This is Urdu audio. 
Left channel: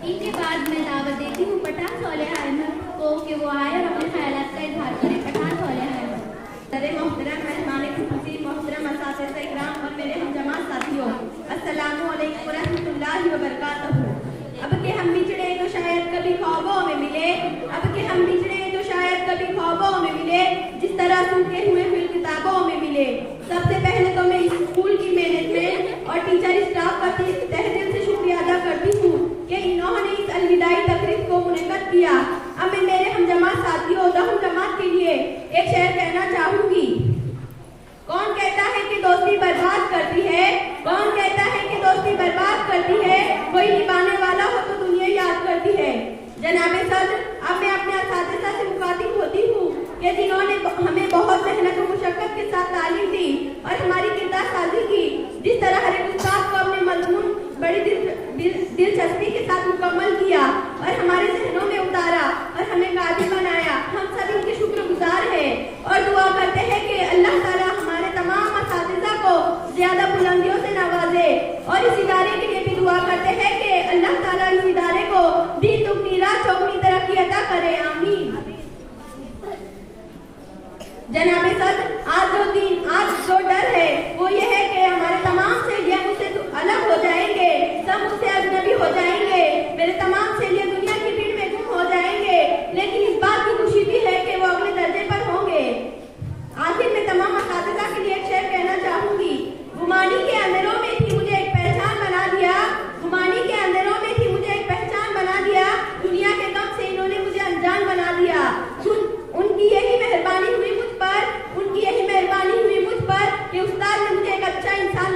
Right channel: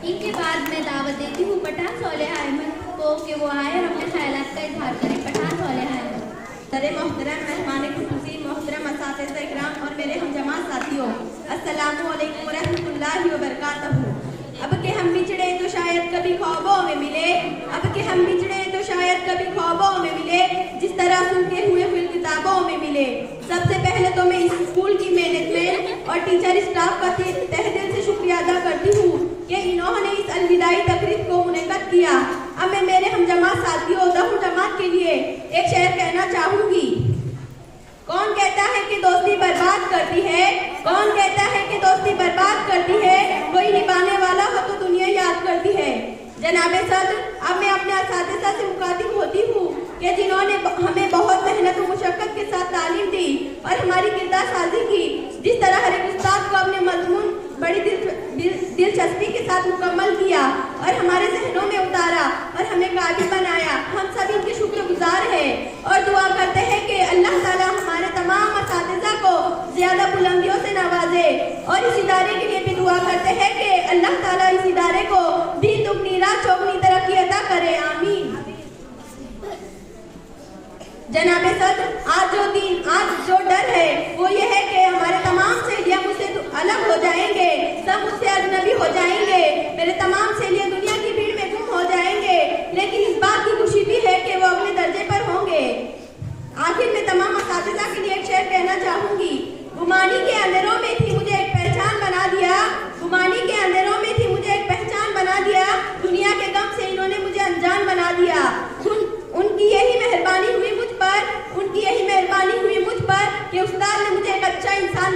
ان کے بعد میں دعوت دیتی ہوں پٹھان صالح احمد کو کہ وہ آئے اور اپنے خیالات کا اظہار کریں. پٹھان صالح احمد. محترم مہمان خصوصی، محترم اساتذہ اکرام اور میرے ہم جماعت ساتھیوں، السلام علیکم ورحمۃ اللہ وبرکاتہ. اب کہ ہم بچھڑے تو شاید کبھی خوابوں میں ملے، اب کہ ہم بچھڑے تو شاید کبھی خوابوں میں ملے، جس طرح سنتے ہوئے پھر کتابوں میں ملے. سب سے پہلے تو میں اس اسکول کی مینجمنٹ اور ٹیچر اسٹاف کا تہہ دل سے شکریہ ادا کرتی ہوں کہ انہوں نے اس الوداعی تقریب کو منعقد کیا. اب میں میرے ہم جماعت ساتھیوں دہم جماعت کے لیے ایک شعر کہنا چاہوں گی. کون کہتا ہے کہ دوستی برباد کرتی ہے، کون کہتا ہے کہ دوستی برباد کرتی ہے، کوئی نبھانے والا ہو تو دنیا یاد کرتی ہے. جناب صدر، اب میں اپنے اساتذہ سے مخاطب ہوتی ہوں کہ جنہوں نے ہمیں بہت محنت و مشقت کے ساتھ تعلیم دی اور ہماری کردار سازی کی. جس طرح ہر ایک استاد کو اپنے مضمون بڑی دلچسپی کے ساتھ مکمل کیا اور ہمارے ذہنوں میں اتارا اور ہمیں قابل بنایا، ہم سب ان کے شکر گزار ہیں اور دعا کرتے ہیں کہ اللہ تعالیٰ ہمارے تمام اساتذہ کو زیادہ بلندیوں سے نوازے. اور اس ادارے کے لیے بھی دعا کرتے ہیں کہ اللہ تعالیٰ اس ادارے کو دین دگنی رات چوگنی ترقی عطا کرے. آمین. جناب صدر، آج جو ڈر ہے وہ یہ ہے کہ ہمارے تمام سہیلیاں مجھ سے الگ ہو جائیں گے، سب مجھ سے اجنبی ہو جائیں گے، میرے تمام سہیلیاں دنیا کی بھیڑ میں گم ہو جائیں گے. لیکن اس بات کی خوشی بھی ہے کہ وہ اگلے درجے پر ہوں گے. آخر میں تمام اساتذہ کے لیے ایک شعر کہنا چاہوں گی. گمانی کے اندروں میں تھی مجھے ایک پہچان بنا دیا، گمانی کے اندروں میں تھی مجھے ایک پہچان بنا دیا، دنیا کے غم سے انہوں نے مجھے انجان بنا دیا. ان کی یہی مہربانی ہوئی مجھ پر، ان کی یہی مہربانی ہوئی مجھ پر کہ استاد نے مجھے ایک اچھا انسان